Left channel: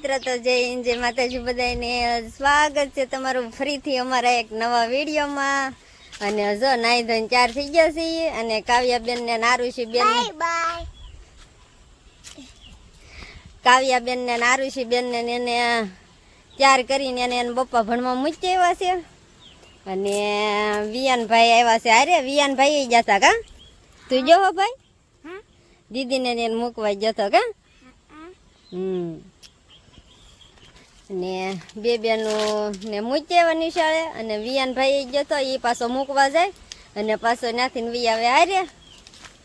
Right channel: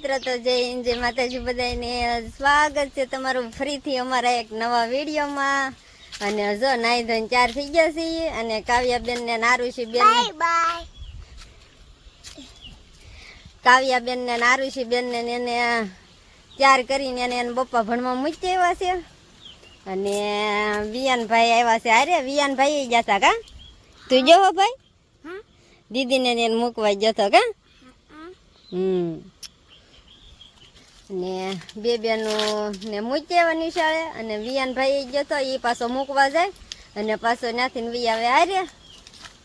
મિત્રો, તો જય માતાજી બધાને સ્વાગત છે તમારું ફરીથી અમારા એક નવા વિડીયોમાં. અને જો નાઈ ધોઈને 4 થઈ ગયા છીએ અને કાવ્યાબેન ને નારુષીબેન ને એને 4 કરીને એને પપ્પા ભણવા મૂકી આવ્યા છે. અને વિયાનભાઈ આવ્યા છે. અરે વિયાનભાઈ જતા કા તું જો ભાઈ દીદીને એને મૂકવા જતો કા. ને બે બેનું ને મૂકી આવ્યા નિશાળે અને વિયાનભાઈ જતો એ પાછો મૂકવા જાય અને પાછો ત્યાંથી વી આવે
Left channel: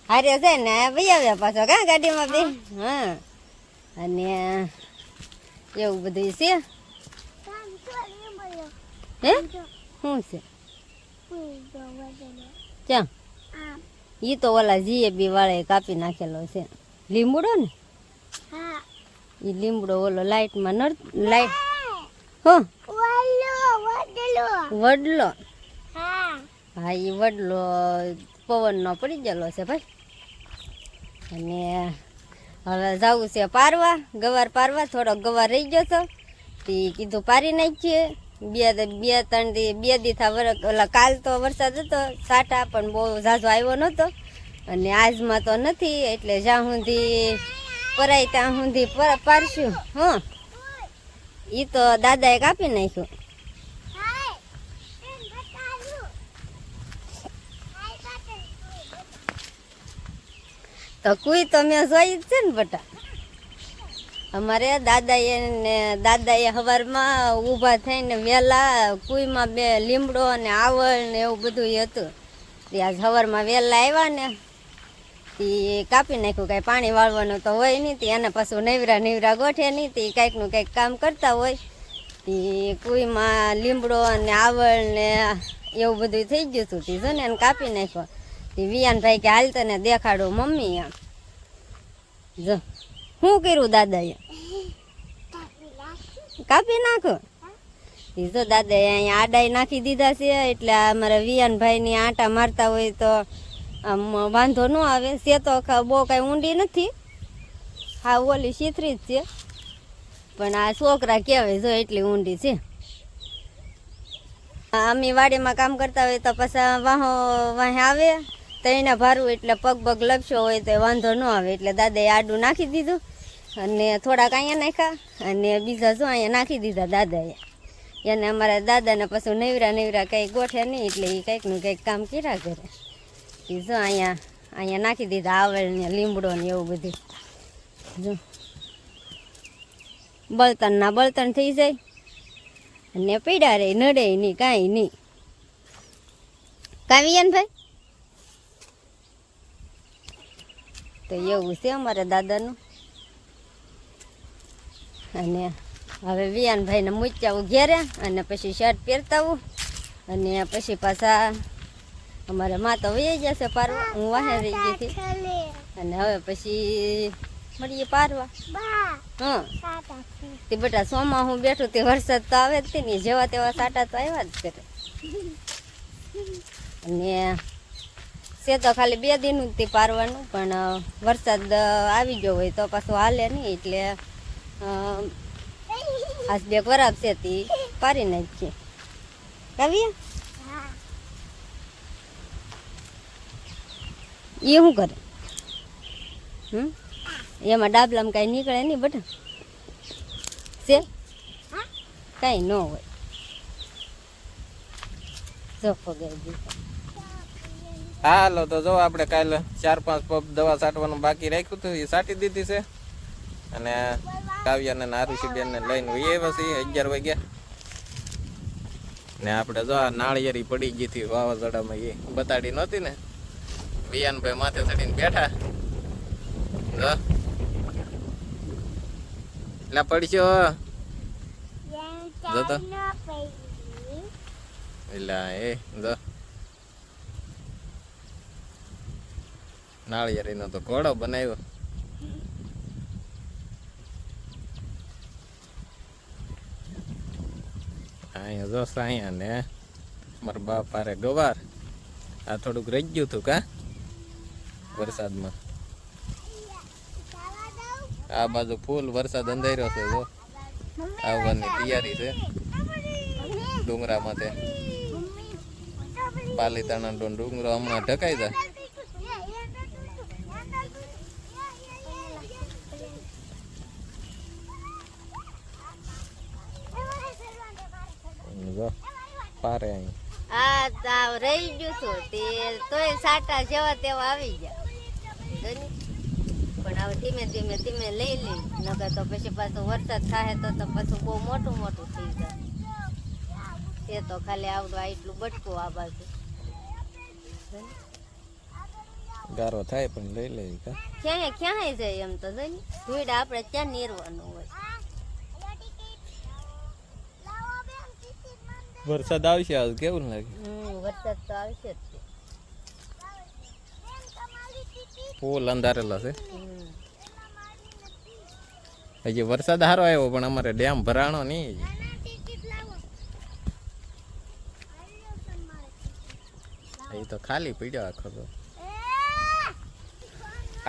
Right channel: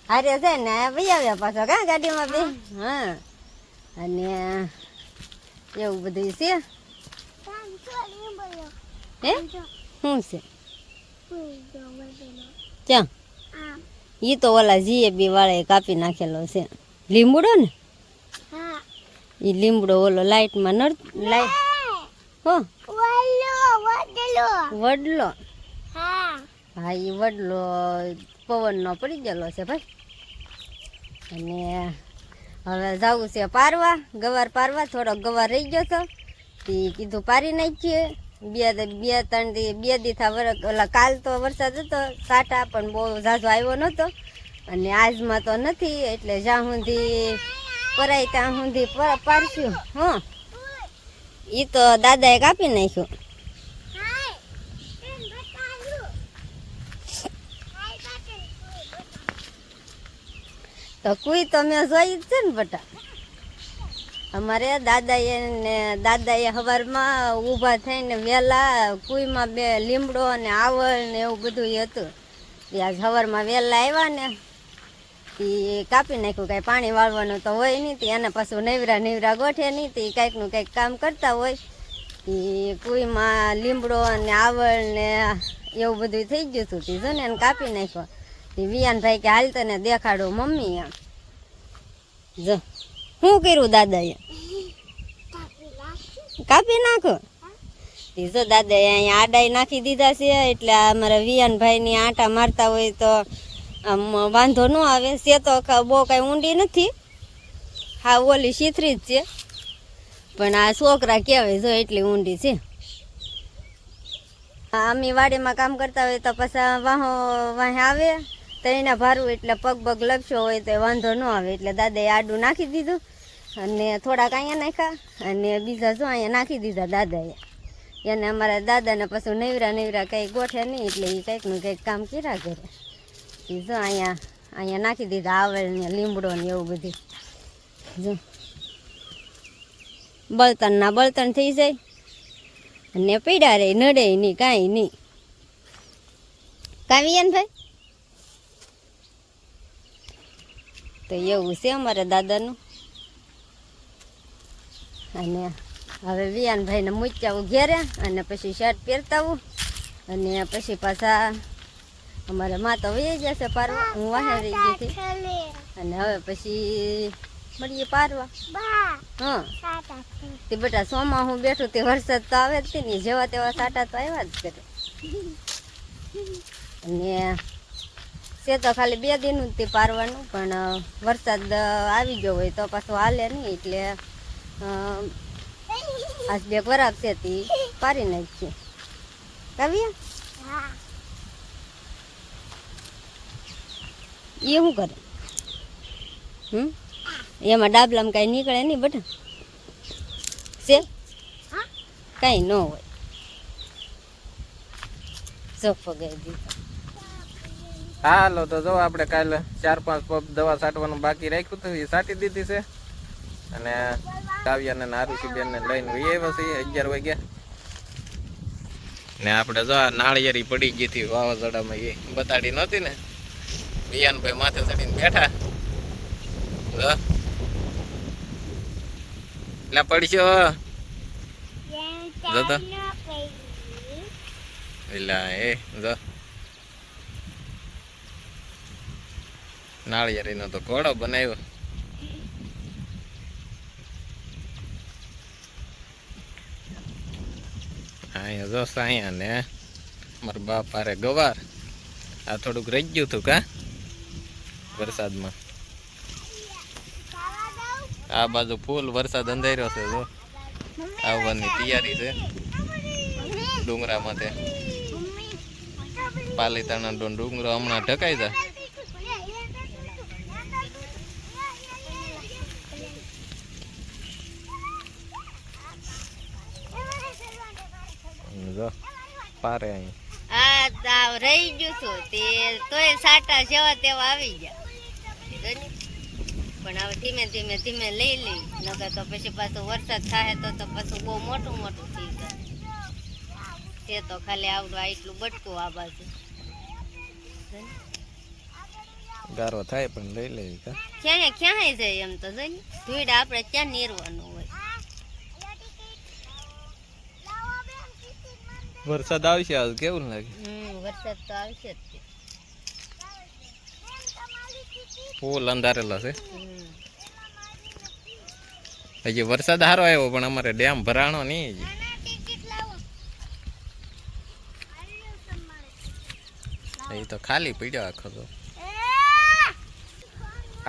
હારે જાય ને વી આવ્યા પાછો કા ગાડીમાં બે. હા અને એવું બધું છે. હે શું છે ક્યાં? ઈ તો ઓલા જીએબી વાળા કાપી નાખેલો છે લીમડો ને. ઈ લીમડો ઓલો લાઈટમાં લાઈટ વડલો. હા ઈ વડલો પવનનો પડી ગયેલો છે ભાઈ. અને હવે જવું છે પારવા, ગવાર પારવા. થોડોક ગવાર રહી ગયો હતો તે કીધું પારી નાખીએ. બે દી થા ઓલા કાલ તો વરસાદ હતો સાટા પણ બહુ ઝાઝો આવ્યો નહોતો અને આજમાં તો નથી એટલે જ્યાં સુધી પરાય ત્યાં સુધી પારશું. હા એ તો દાદાએ કાપી નાખ્યું. તો કોઈ તો મેં જોઈ જ છે ને બટા. અમારે દાદાએ સવારમાં ઊભા થઈને વહેલા કુઈમાં બે લીમડો અને આવળ ને એવું બધું હતું. ત્યાં સવારમાં વહેલા આવ્યા ને એ કાપી નાખ્યું. કાંઈ પાણી વાળવાનું તો હોય નહીં તે એને પાછું નવરા ગોઠે નહીં તે કાંઈકનું કંઈક કામ કરતા હોય. તે કુઈમાં લીમડો અને આવળ ને એવું બધું થઈ ગયું હતું. તે જો ને એને કાપી નાખ્યો. તે વિયાનભાઈ કે હાલ તને દેખાડો મમ્મી એમ. જો શું કર્યું દાદાએ? કાપી નાખો. જો દાદાએ અહીંયા આડાઈ નાખી દીધા છે એટલે અમારા વિયાનભાઈની આટા મારતા હોય તો આમ વાંધો ન આવે. છે તો બહુ કાંઈ ઊંડી નથી, હા ઓલી શીથરી જ છે પણ આ છોકરા કહેવાય જો એટલી ઊંડી છે. અમે વાડીમાં કામ કરતા હોય તો પાછા વાહે આવે તો એને ભારું એટલે પગ લપસ્યો હોય તો વાંધો ન આવે એટલે દાદાએ આડું નાખી દીધું અને થોડાક અહીંયા નાખ્યા અને બીજા જો અહીંયા નાખી દીધા દાદાએ. એને અમારા દાદાને પાછું નવરા કંઈ ગોઠે નહીં એટલે એ કંઈકનું કંઈક કામ કર્યા કરે. એ જો અહીંયા નાખી દીધા આવળ ને લીમડો ને એવું બધું. જો બળતણ થઈ જાય અને પીડા રહે નડે નહીં કાંઈ નહીં. કાવ્યાન ભાઈ તો એવું છે અમારા દાદાનું. અને હવે વિયાનભાઈને મૂક્યાવું ઘેરે અને પછી શર્ટ પહેરતાવું અને પછી પાછા અમારે માં તો વહી જશે પારવા. હું વાહે રહી ગઈ હતી અને હવે પછી મળીએ પારવા. હા તે બેટા સોમાં હું બેઠું તે વરસાદ તો આવે જ ને જેવા તેવા સાટા તો આવ્યા જ કરે. અને છે તો ખાલી 2 દિનનું જ તે પારવાનું પણ વરસાદ આવી ગયો હોય તો પાછું હાલે નહીં એટલે આજ 2 ખરાબ છે તે પારી નાખીએ. કાવ્યા એ શું કરે? એમાં ડાબલામાં કાંઈ નીકળે નહીં બટા છે કાંઈ ન હોય. ચોખ્ખો ગઈ દીધો. હાલો તો જો આપણે કાલે 4-5 પંપ દવા છાંટવાનું બાકી રાખ્યું હતું એ છાંટી દીધી છે. અને કાવ્યાને નારુષીબેન ને લઈને આવ્યા છીએ 11 વાગ્યા. ને આપણે જો આ નાળિયેરી પડી ગઈ હતી વાવાઝોડામાં એ બતાડી નહોતી ને. વિયાનભાઈ માથે ચડીને બેઠા જો એટલે પડશો જો તો એલા એ જો નાળિયેરીનો તો ઘોડો બનાવ્યો. અહીંયા જો સાયા ને મારા બાપારે ગવાર આ થોડુંક રહી ગયું હતું કા વરસાદમાં. આ બાજુ ફૂલ વરસાદ અંધાર્યો છે જો આવવાની તૈયારી છે ડુંગરામાં તે પાલીતાણા ડુંગરો હમણાં ઢકાઈ જાય. જો પારે અહીં આ તાવ રહી ગયું છું તે તોય સાટા જેવા તેવા આવી ગયા જોની. પણ હવે ધીમે ધીમે ધીમે લઈ લઈ નકર તો પછી પાછો વરસાદ થાય તો પાછું બહુ મોટું મોટું થઈ જાય. તે તો ખાલી આવડું આટલું બટકું આ બાજુ ગારો થાય પણ લઈ લેવી કા ક્યાંય ક્યાંય જાય એમ તો જોઈ ધૂળ આપણે ક્યાં નીરવાનું હોય. વરસાદ આવશે આજ કેવું લાગે? વરસાદ તો આવશે જ તે. ફૂલ અંધારેલો છે. હજી વરસાદ સારો આવ્યો પણ અમારે ડેમ ભરાણો નહીં હજી. એ તો ખાલી પડ્યો આખો તો.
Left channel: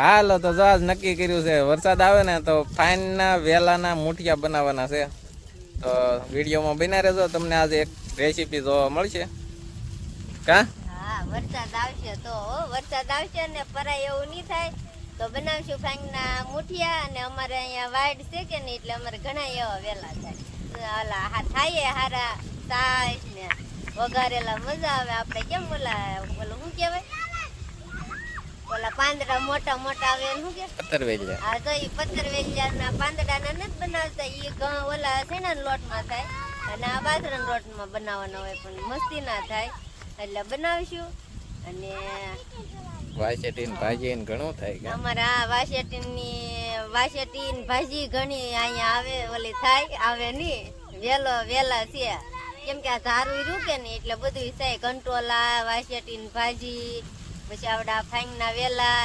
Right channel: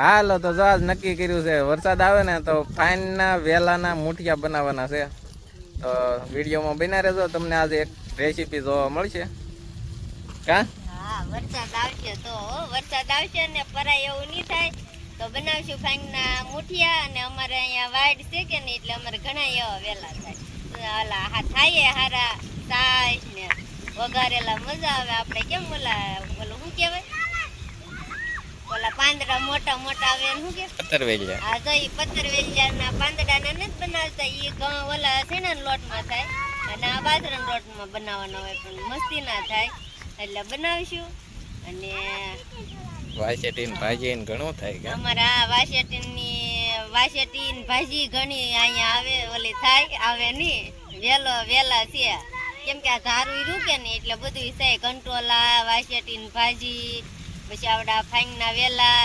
હાલો તો જો આજ નક્કી કર્યું છે વરસાદ આવે ને તો ફાઈનના વેલાના મુઠિયા બનાવવાના છે. તો વિડીયોમાં બના રહેજો, તમને આજે એક રેસીપી જોવા મળશે. કા હા વરસાદ આવશે તો વરસાદ આવશે ને પરાય એવું નહીં થાય તો બનાવશું ફાંગના મુઠિયા. અને અમારે અહીંયા વાડ છે કે નહીં એટલે અમારે ઘણા એવા વેલા થાય. ઓલા થાય હારા સાઈસ ને વઘારેલા મજા આવે. આપણે કેમ ઓલું શું કહેવાય ઓલા પાંદડા મોટા મોટા આવે શું કે પતરવેલિયા. હા તો એ પતરવેલિયાના પાંદડાના નથી બનાવતા, એ ઘઉં ઓલા શેણાના લોટમાં થાય અને આ બાજરાના લોટમાં બનાવવાનો હોય પણ મસ્તી ના થાય એટલે બનાવીશું. અને વાસેટીન ભાજી ઘણું થાય કે અમારા વાસેટી ભાજી ઘણી અહીંયા આવે ઓલી થાય આવે નહીં વેલા છે કેમ કે આ ધારું રૂકે ને એટલે બધું થાય. કંટોલા વાસેટી ભાજી પછી આવડા ફાંગના વેલા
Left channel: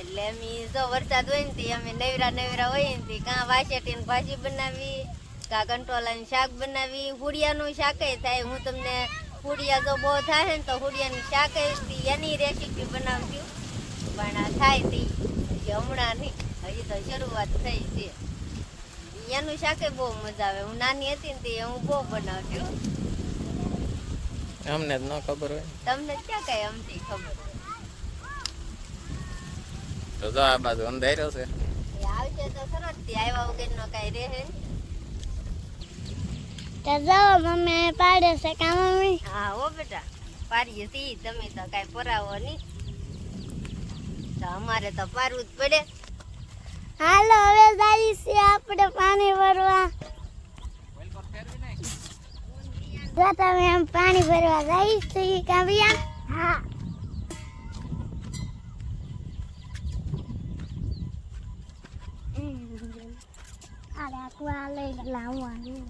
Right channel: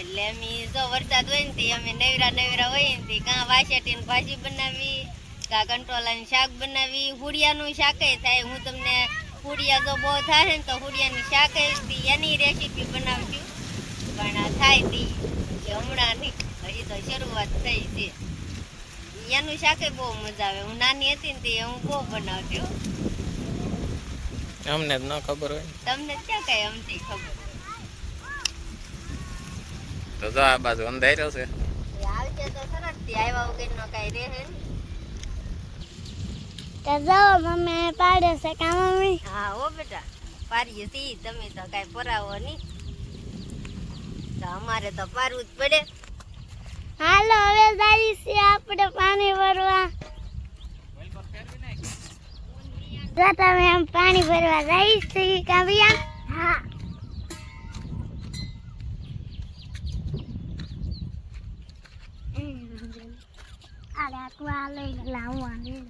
એટલે અમે જો વરસાદ હોય ને અમે નવરા હોય ને કાં વાસેટી ભાજી બનાવી કાં કંટોલાનું શાક બનાવી. હુડિયાનું શાક થાય. હું તમને હુડિયા જો બહુ થાય ને તો હુડિયાની શાક એની રેસીપી બનાવશું પણ થાય તી હમણાં નહીં, હજી તો શરૂઆત થઈ છે. એનું શાકે બહુ મજા આવે. હું નાની હતી ને તે હું બહુ બનાવતી. અમને જ ન ખબર હોય, તમને ક્યાં કઈ અમથી ખબર હોય. તો જો આ બાજુ અંધાર્યો છે. આવશે તો સરસ થી આવ્યા વગર નો કઈ રહે. તો જાઓ મમ્મી પાડે છે કા મમ્મી? હા હો બેટા પારીએ સી. તમે તો કઈ પરાવો નહીં તો અમારે તો પારવું જ પડે. હાલો હવે જઈએ છીએ આપણે પાણી ભરવા. જો તમે આમ પાણી ભરવા જઈએ છીએ કાવ્યા? હા. અરે આકવા લઈ લાવવા નહીં.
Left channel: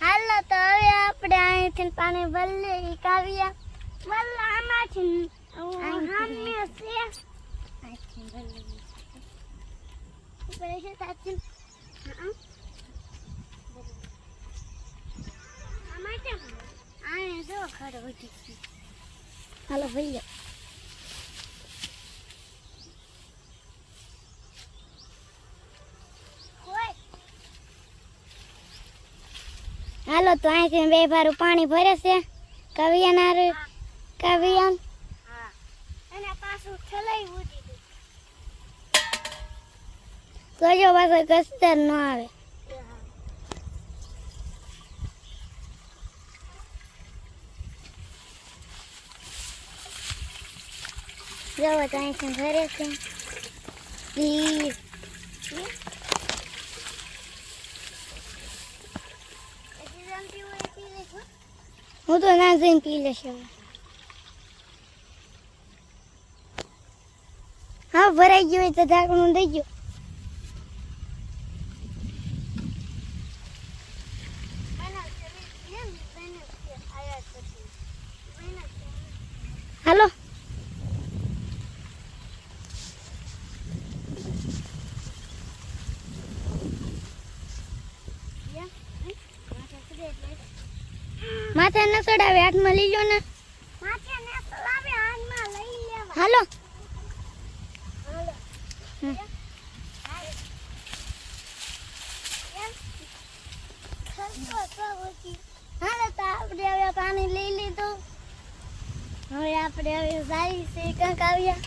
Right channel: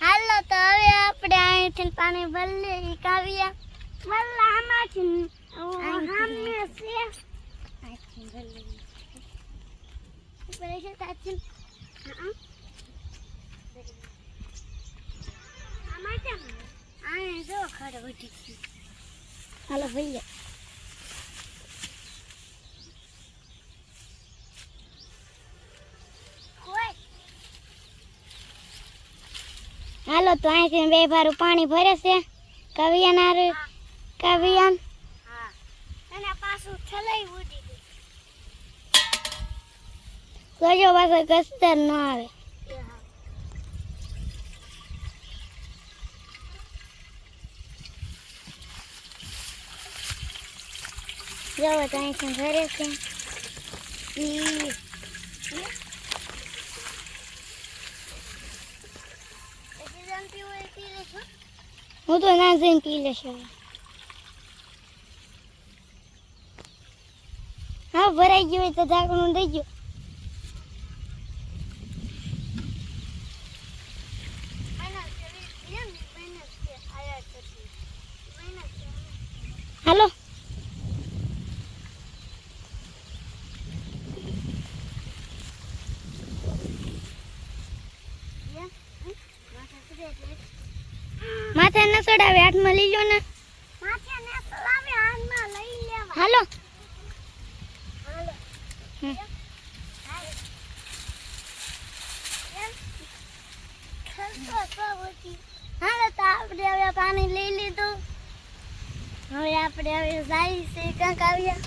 હાલો તો હવે આપણે અહીંથી પાણી ભરી લઈએ કાવ્યા. વલ્લા આમાંથી સામે છે અહીંથી ભરી લઈએ. ઉપર છે સાચી. હા આમાં કેમ આ જો ખડ ઉઠી છે. હાલો ભરી લો. હાલો તો અહીંથી બે ભારું પાણી ભરે છે કાવ્યાના કાવ્યાન. હા અને પાછું ઠલાઈ ઉડી ગયું. કજો પાછો કસ્તર ન આવે. જવો તો અહીંથી ભરે છે. હું તો ના જઈને પી લેશ. હાવ ભરાઈ ગયું હોય તો ઢાંકણું દઈ ગયો. હાલો માથે ન ચડાવે, હાથમાં લઈ લો ને. માથે ન ચડાવે, હાથમાં લઈ લેવા. હાલો હાલો તો આપણે હવે પાણી લઈ લીધું. હવે આપણે હવે જાય છે કંઈક આવ્યા.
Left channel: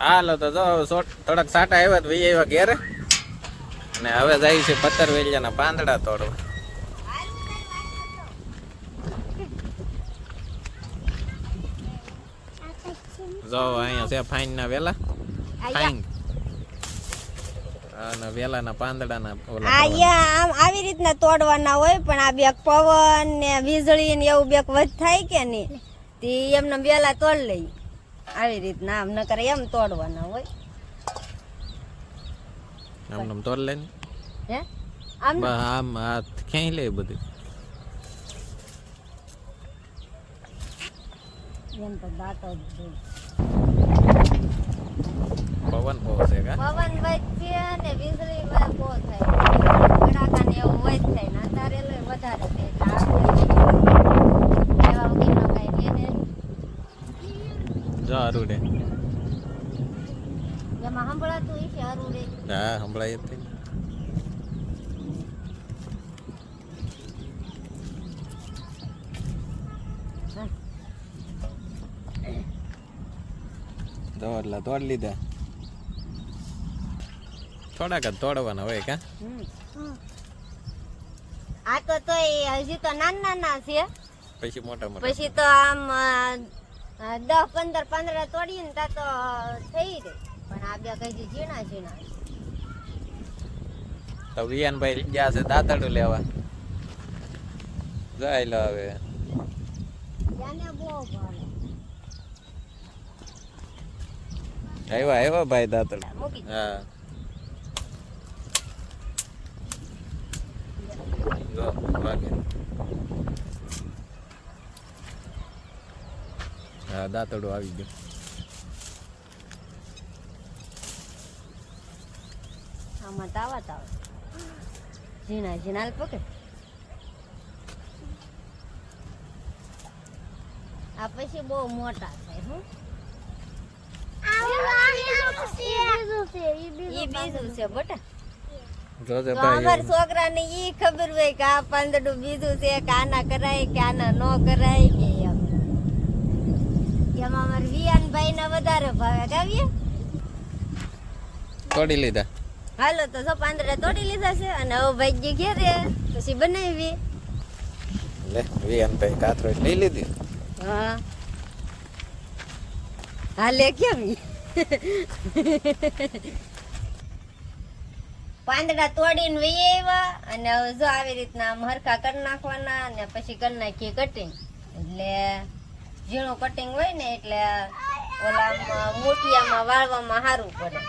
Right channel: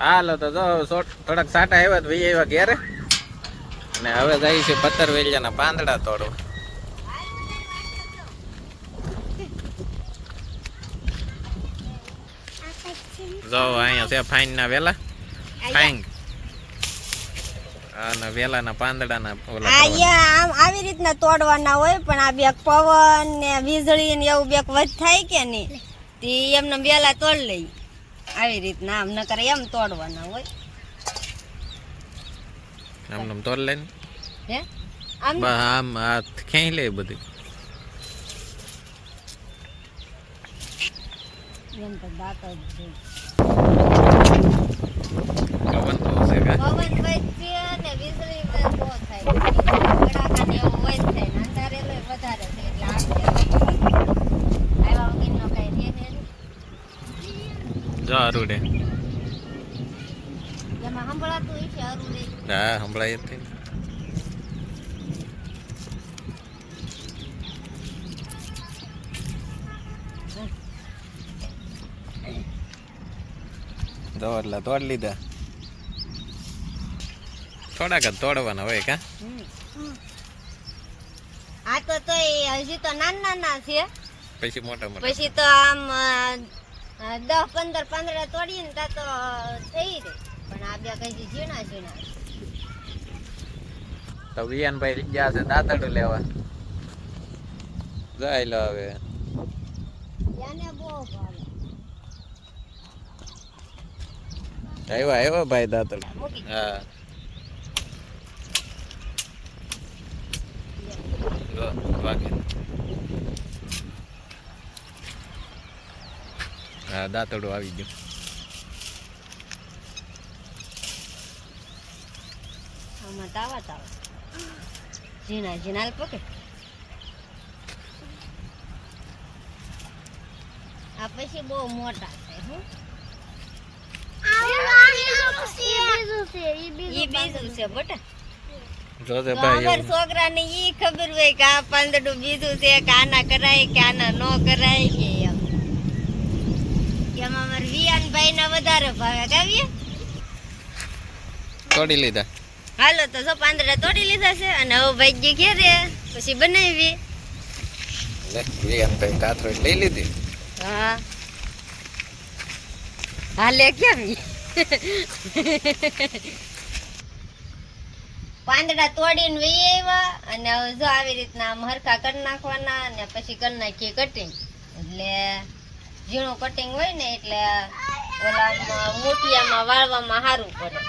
હાલો તો જો થોડાક સાટા આવ્યા તો વી આવ્યા ઘેરે ને હવે જાય છે પતરવેલિયાના પાંદડા તોડવા. જો અહીંયા છે ફાઈન ના વેલા, ફાઈંગ અને વેલાના પાંદડાના ઓલા અહીંયા આમ આવી રીતના તોડવાના હોય, પણ આ બેક પવન ને વીજળી ને એવું બેક વધ થાય કે નહીં તે એમને વેલા તોડ લઈ આવી રીતના. આમ નકર એમ તોડવાના હોય. આમ તોડ લે હે આમ આમ આ ક્યાંય લે બધું એમ તો દાંત જ છે. પવન બહુ છે કા પવન વચ્ચે ને વીજળી બહુ થાય, કડાકા ને એવું વધ થાય ને અંધારેલો વધારે છે એટલે આપણે એવા વગરનો કાંઈ છે ને. જો અરુડે એમાં સંભળાતું હોય છે અરુડે. હા સંભળાય જ થઈ. જો એટલે તોડ લીધા, થોડાક જ તોડવાના હોય કા. આ તો તોય હજી તો નાના નાના છે, પછી મોટા મોટા પછી તો આમ 10-15 પાંદડા તોડીએ ને તા તો થઈ ગઈ, પણ આ બે કઈ ઝીણા ઝીણા. તો વિયાનભાઈ ગયા છે દાંતડું લેવા. જાય લો હવે એને બહુ ભાવે. આવ્યો ભાઈ દાંતડું. મૂકી હા જો વાગે. હા દાંતડું આવી ગયું. આમાં તાવા તાવા ઝીણા ઝીણા પકડ. આ પછી બહુ મોટા થાય. હું ઈ બીજું છે બટા. જોજે તો ભાઈ અમારા છોકરાને ઈ ખબર હોય કે આ પાંદડું બીજું છે કે આના કરાય કે આના નો કરાય કે એમ. એમાં અમારા વિયાનભાઈ ના વધારે ભાવે. ગાવીએ તોડી લીધા. હાલો તો જો પાંદડા તોડી લીધા છે અને હવે ભાઈ ઘેરે પછી બનાવી. લે વિયાનભાઈ કાથરોટ લઈ લીધી. હા હાલે કેમ પાંદડા તોડીને વહી આવ્યા અને હવે જો આવી રીતના આમ હરખા કરી નાખવાના અને પછી કરી નાખીએ કટિંગ. એટલે ઝીણું કટિંગ હોય ને એટલે ઓલામાં મોટિયામાં વાળવામાં સારું પડે.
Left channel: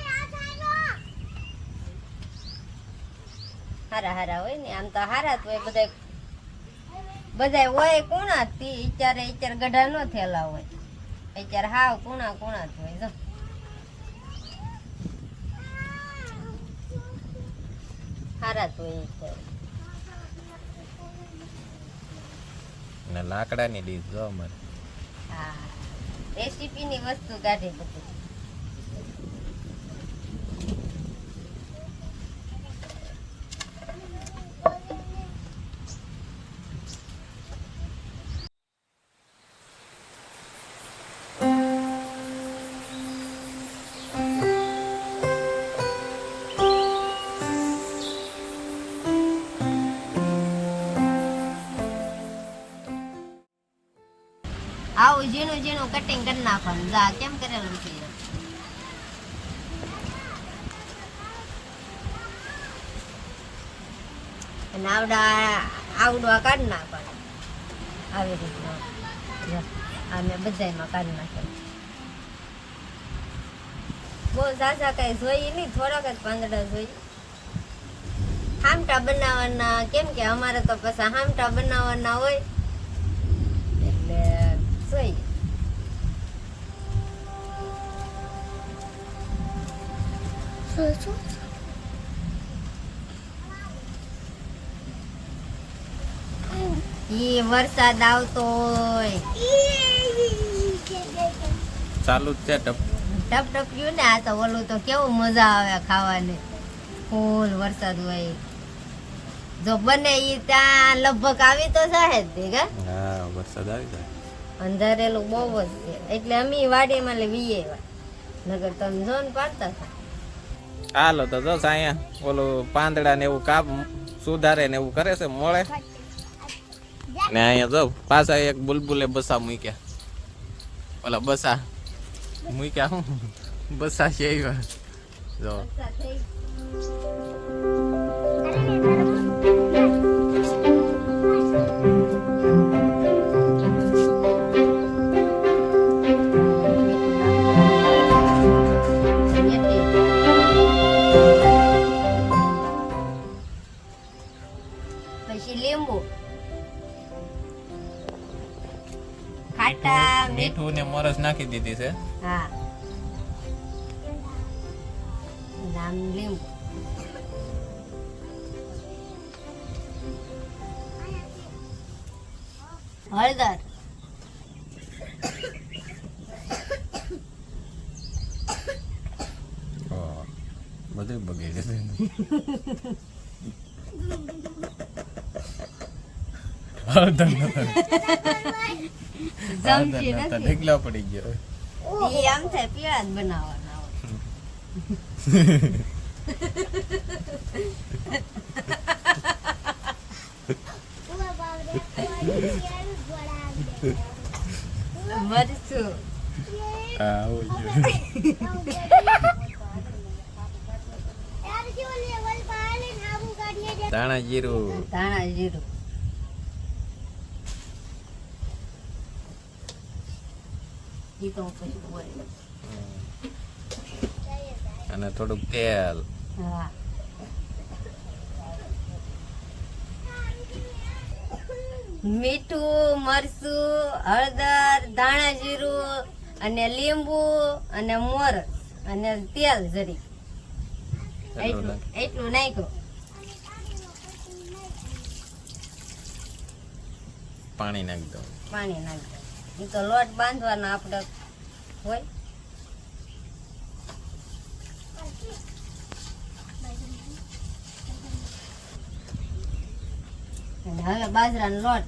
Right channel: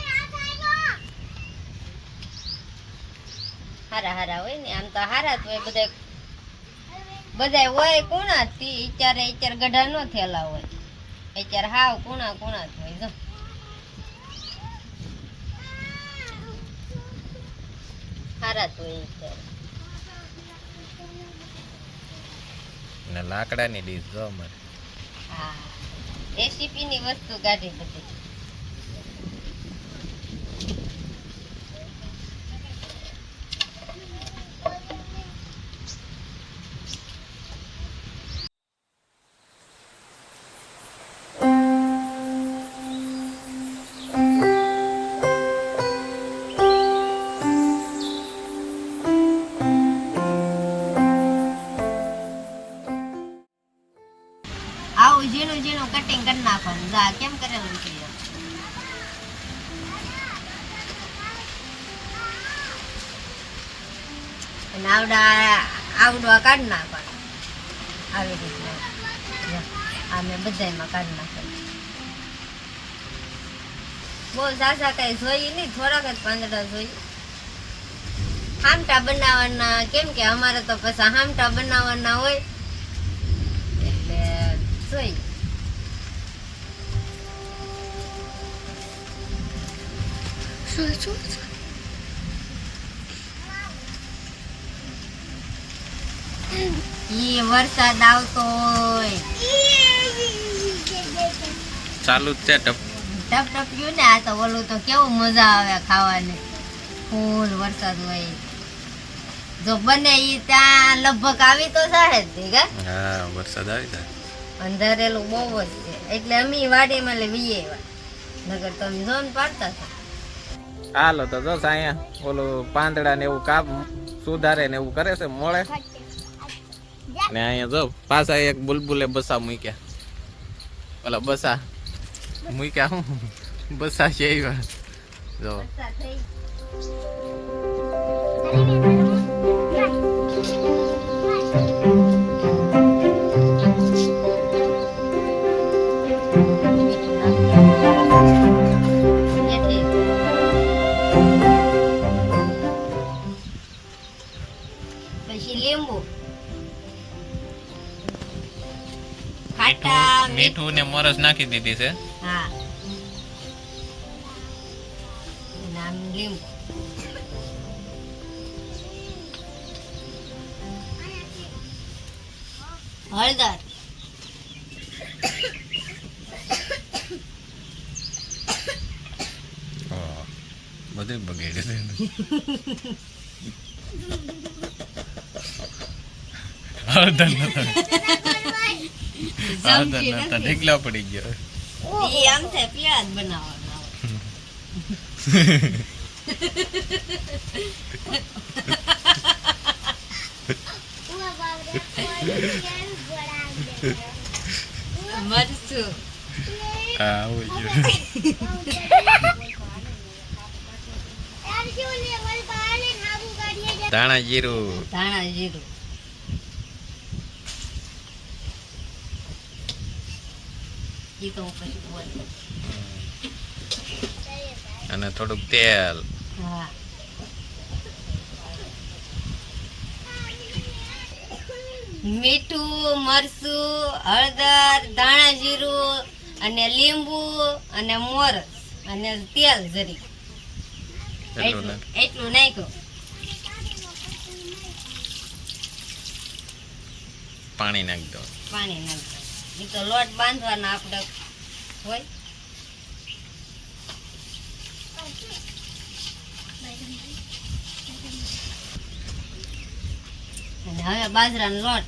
હારા હારા હોય ને આમ તો હારા જ હોય બધા હોય કુણા થી અત્યારે ગઢા નો થયેલા હોય, અત્યારે હાવ કુણા કુણા જ હોય. જો હારા જ હોય અત્યારે. ને લાકડાની ડીશ જો અમારે. હા રેસીપી ની વસ્તુ કાઢી બધી. આવું ઝીણું ઝીણું કટિંગ કરી નાખવાનું. જા કેમ કરેલું છે એમ. અને આવડવા કાઢી નાખવાનું આવી રીતના. આ મેં બધામાં કાઢી નાખેલું. બહુ ઝાઝા કઈ જોઈએ નહીં, થોડાક જ પાંદડા જોઈએ. હામટા બનાવવાના, કેમ કે અમારે તો પછી હામટા બનાવવાના હોય એટલે જોઈએ. ઈ વરસાદ આવતો હોય ચાલુ જ છે ટપ ટપટપ્યું ને. આ તો ઓલું તો કેવું મજા આવે ખાવાની. ફૂલ વરસાદ હોય જો બને ઈ ત્યાં લગભગ આવી તો જાય જ તે કા. હા વરસાદ આવી જાય. અંધારેલું બહુ જ છે એટલે અમે વાડીમાં લેવી આવ્યા. નગર તમે જો ને પાડતા હતા. હાલો તો જો અહીંયા ઓલું પાંદડા ને એવું કાપ સુધારે ને એવું કરે છે મોળે. ને અહીંયા જો પાછા એક બુલબુલે બસા મૂક્યા. ઓલા બસા મૂક્યા હું બસા છે એવા જો. પછી લીંબુ, ખાટા મીઠું ને મોરસ નાખી દીધી છે. હા નામ લીંબુ. હળદર, બધું બગડે છે. હળદર નતા ઢીકલા પડી ગયો. ઈ આમ થાય પીળા જ બનાવવાના હોય. મરચું હા હોય ધાણા જીરું ઈ તો પછી બોલું. અને થોડુંક તેલ. હા મીઠું, મરચું, હળદર, ધાણા જીરું અને લીંબુ અને મોરસ અને તેલ જરી એટલું નાખ્યું. પાણી નાખી દો. પાણી નાખી દો. એ તો લોટ બાંધવાનો આપણે હોય. અને હવે બાજરાનો લોટ.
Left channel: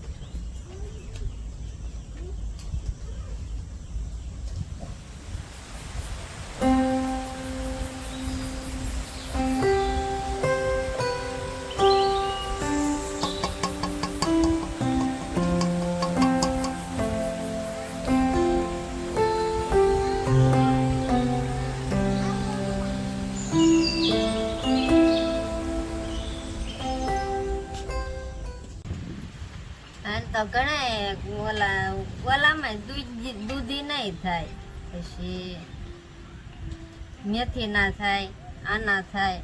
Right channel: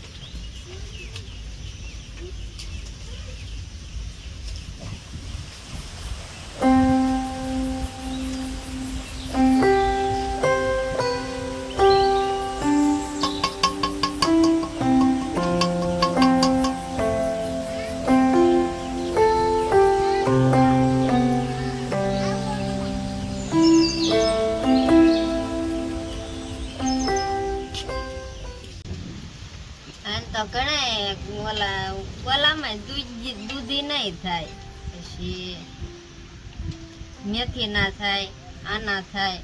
તો ઘણા ઓલામાં દૂધી નહીં થાય, પછી મેથી ના થાય, આના થાય.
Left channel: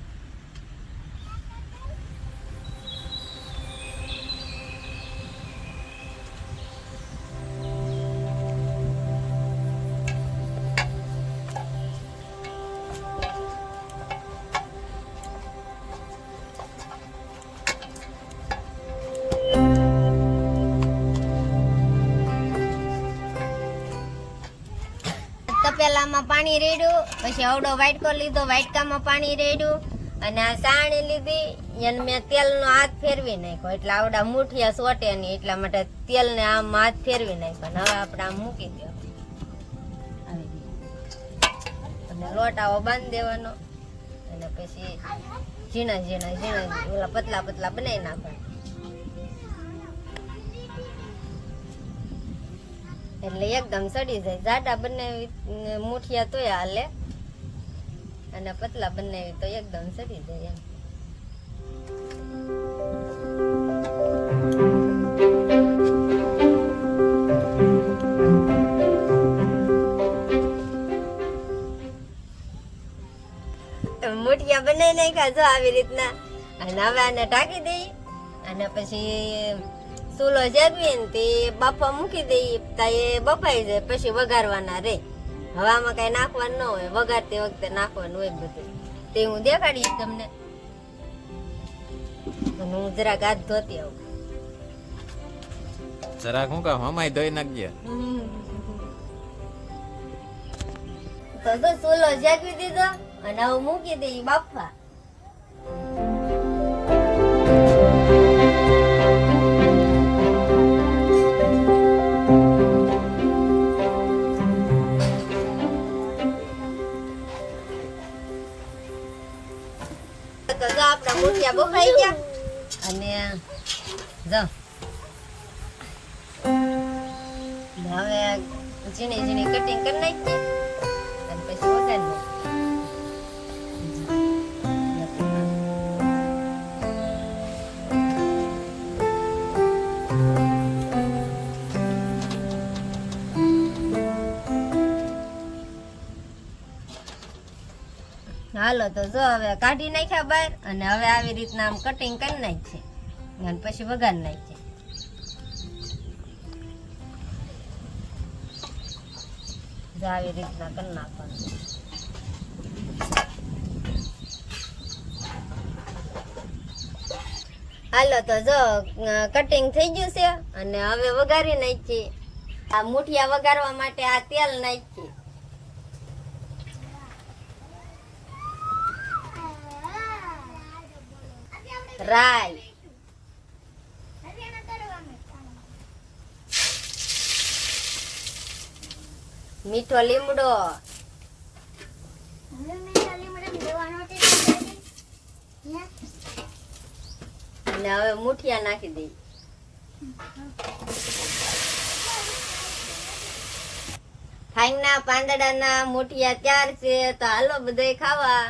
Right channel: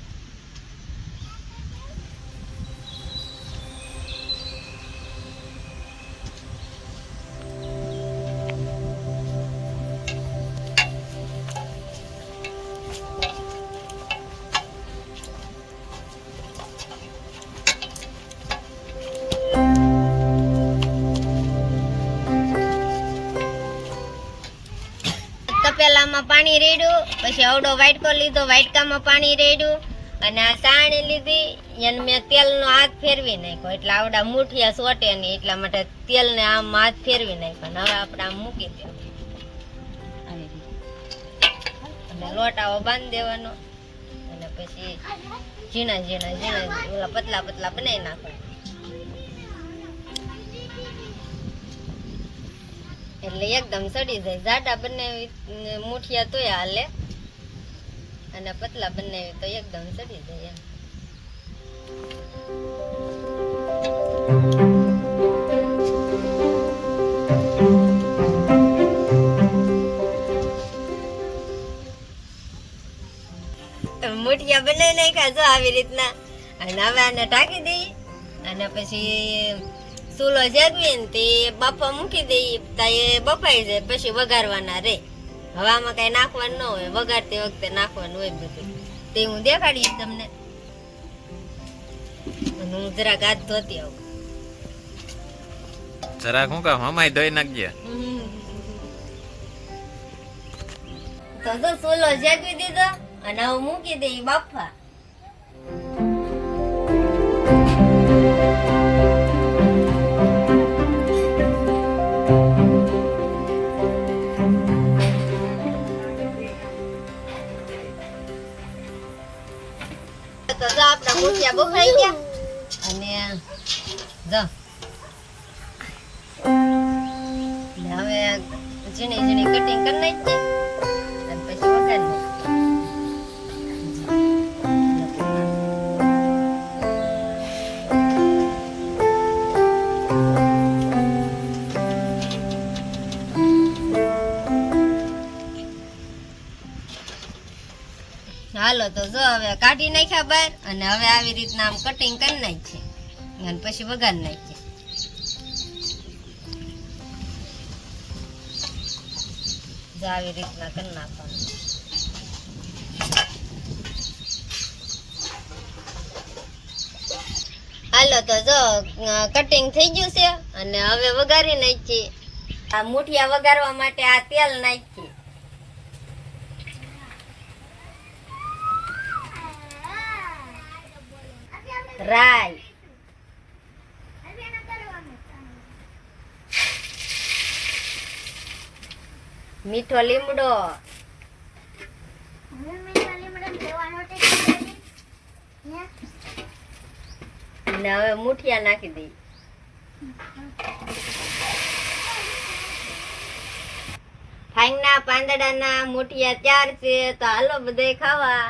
તપેલામાં પાણી રેડ્યું, પછી અવડો વાટકો લીધો, વાટકામાં પાણી રેડ્યું અને આ સાણી લીધી એને મેં તેલનો હાથ ફેરવી નાખ્યો, એટલે આવડા મુઠિયા સોટે નહીં એટલા માટે તેલને આમ હાથ ફેરવી નાખ્યો. હવે આપણે આમ મૂકી દો અને લોટ આવો બાંધી દેવાનો અને પછી ઝીણા ઝીણા ઝીણા ઓલા પતલા પતલા બનાવી નાખો. એટલે એકદમ સડી જાય. જાડા બનાવી મુઠિયા તોય હાલે અને પતલા બનાવી તો એકદમ સડી જાય એમ. મુઠિયા બનાવી નાખ્યા જો આવી રીતના. અને હવે આને ઢાંકી દઈએ અને પછી ચૂલો જગવી ને તે બાફા મૂકી દઈએ. ત્યાં એ બફાઈ જાય પછી વઘારવાના રે. હવામાં કઈ નાખવાનું ન હોય, વઘારતી વખતે નાખવાનું હોય બધું. તે હું દેખાડીશ તમને. અને હું જરાક હાથ ધોતી આવું. જરાક હું કામ હમાય ધોઈ નાખજે. તો જો ચૂલો જગવી દીધો અને હવે મૂકી દઈએ બાફા. તો જો આપણા મુઠિયા બફાઈ ગયા અને જો હવે ઝીણી ઝીણી કટિંગ કરી નાખીએ અને પછી વઘારી હાલો તો જો હવે કાઢી નાખ્યા બહાર અને હવે આવી રીતના આમ કટિંગ કરી નાખીએ અને પછી વઘારી નાખીએ. જો આવી રીતના કરી નાખવાનું. હાલો તો જો કટિંગ થઈ ગયું છે અને હવે વઘારી નાખીએ. આ મુઠિયા વઘારવા માટે આ તેલ નાખીએ. રાઈ, મીઠો લીમડો, અને હવે મુઠિયા નાખી દઈ. ફાઈના પાંદડાના મુઠિયા તૈયાર છે. તો હાલો બધાય ખાવા.